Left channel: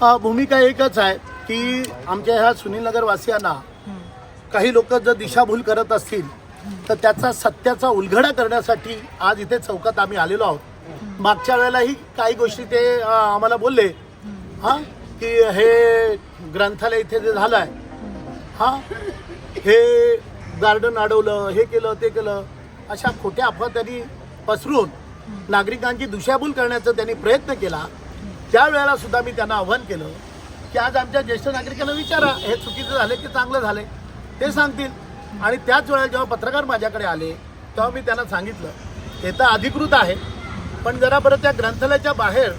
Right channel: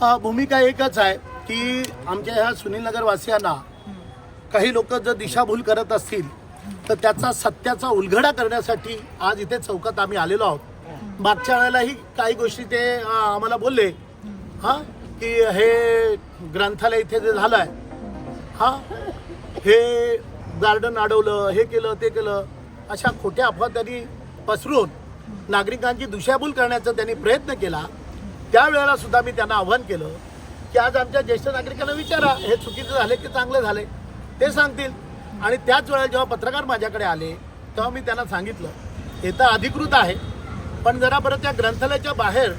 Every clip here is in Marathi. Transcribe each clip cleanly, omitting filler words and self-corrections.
भूमिका एकच आहे की आमच्या ह्या सुनीलनगर वासियांना काही लोक जर दिशाभूल करत असतील तर त्याचा सत्याचा उलगडा करण्यासाठी आज इथे चौकात आम्ही आलेलो आहोत। मागच्या वेळेलाही काही गोष्टी ते आम्हाला बोलले की हे ग्रंथालय इथे जे झालंय हे गार्डन अडवलं, हे केलं ते केलं, अशा खोट्या अफवा त्यांनी पसरून नागरिकांची दिशाभूल करण्याचा त्यांनी प्रयत्न केला। त्यावेळेला सुद्धा मी त्यांना आव्हान केलं की आज आमच्या ज्येष्ठ नागरिकांना विचारा हे चुकीचं झाले की चांगलं झाले ते सांगतील। आणि त्याच वेळेला जेव्हा पत्रकार माझ्याकडे आले तेव्हा मी त्यांना सांगितलं हे तर अधिकृत आहे, पण जरा बरं त्या ग्रंथालयाच्या बाहेर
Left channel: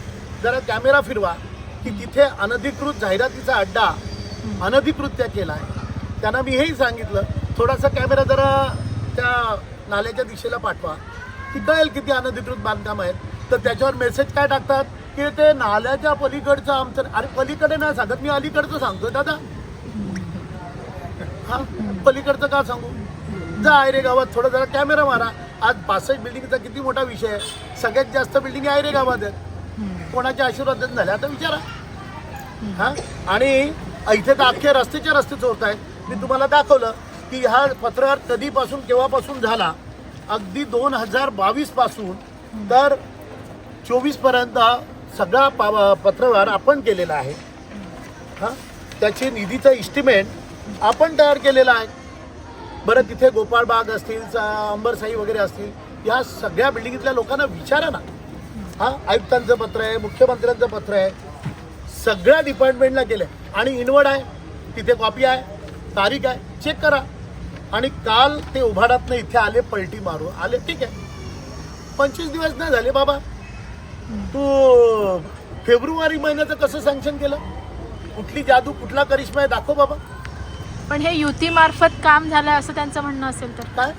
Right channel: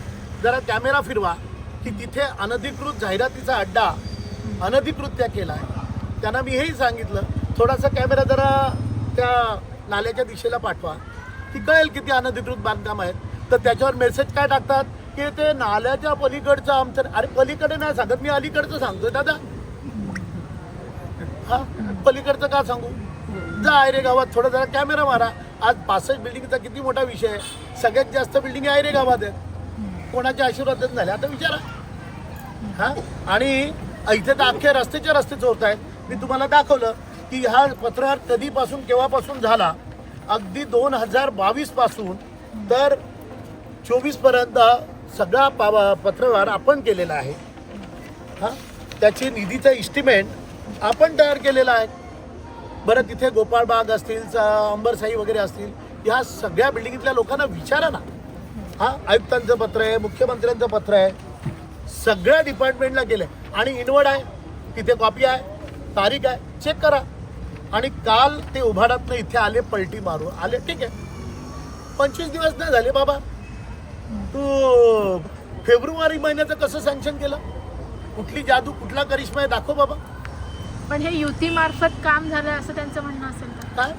जरा कॅमेरा फिरवा की तिथे अनधिकृत जाहिरातीचा अड्डा अनधिकृत्या केला आहे। त्यांना मी हेही सांगितलं थोडासा कॅमेरा जरा त्या नाल्याच्या दिशेला पाठवा की कळेल किती अनधिकृत बांधकाम आहेत। तर त्याच्यावर मेसेज काय टाकतात की ते नाल्याच्या पलीकडचं आमचं, अरे पलीकडे नाही सांगत मी अलीकडचं सांगतोय दादा। पलीकडचं का सांगू? जा आयरे गावात थोडा जरा कॅमेरा मारा। आज 65 बिल्डिंगचा किती मोठा विषय आहे, सगळ्यात जास्त बिल्डिंग आयरे गावात आहेत, कोणाच्या आशीर्वादात झाल्या आता विचारा। आणि इथे तर अख्खे रस्त्याचे रस्ते चोरत आहेत। मी तुम्हाला दाखवलं की हा पत्रव्यवहार कधीपासून केव्हापासून झाला, अगदी 2022 पासून तर 24 पर्यंत सगळा पत्रव्यवहार आपण केलेला आहे। त्याची निधीचा इस्टिमेट आपण तयार केलेला आहे। बरं तिथे गोपाळबाग असतील, अंबरसाई वगैरे असतील, या सगळ्या बिल्डिंगीतल्या लोकांना विचारा ना। आयुक्तांचं पत्र आहे, मुख्यमंत्र्यांचं पत्र आहे, सगळ्या डिपार्टमेंटला केलंय आणि इनवर्ड आहे, तिथे कॉपी आहे, तारीख आहे, चेक करा। आणि काल ते उभाडातनं इथे आले, पलटी मारू आले, ठीक आहे 25 दिवस नाही झाले बाबा, तू फेब्रुवारी महिन्याचं कसं सँक्शन केलं? कुठली जादू, कुठला करिश्मा आहे दाखव बाबा। पण हे युती मार्फत काम झालं असं त्यांचं म्हणणं असेल तर काय?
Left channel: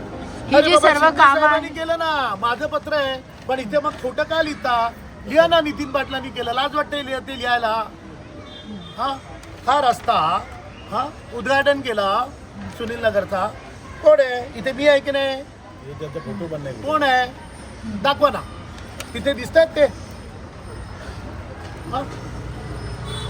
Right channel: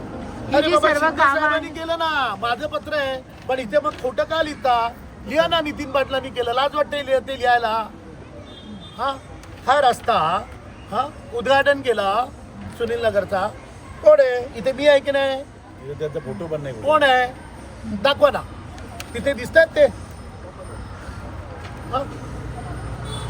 हे जे सर्व काम केलं ना, माझं पत्र आहे, पण इथे मग खोटं का लिहिता? लिहा ना, नितीन पाटलांनी केलं, लाज वाटते ते लिहायला। हा रस्ता उद्घाटन केला सुनील नगरचा, कोण आहे? इथे मी आहे की नाही? त्याचा फोटो पण नाही, कोण आहे दाखवा ना, तिथे दिसतात ते।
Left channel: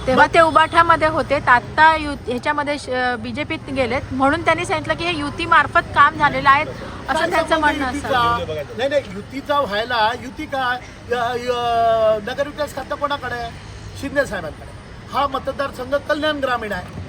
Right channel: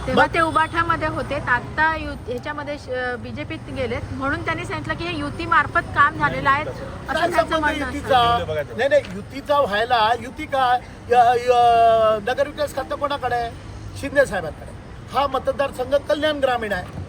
तेव्हा ते उबाठामध्ये होते, आता ह्याच्यामध्ये बीजेपीत गेलेत, म्हणून त्यांनी सांगितलं की हे युती मार्फत काम झालेलं आहे असं त्यांचं म्हणणं असतं। नाही, युतीचा व्हायला युती काय, नगर विकास खातं कोणाकडे आहे? शिंदे साहेबांकडे। हा मतदारसंघ कल्याण ग्रामीण आहे,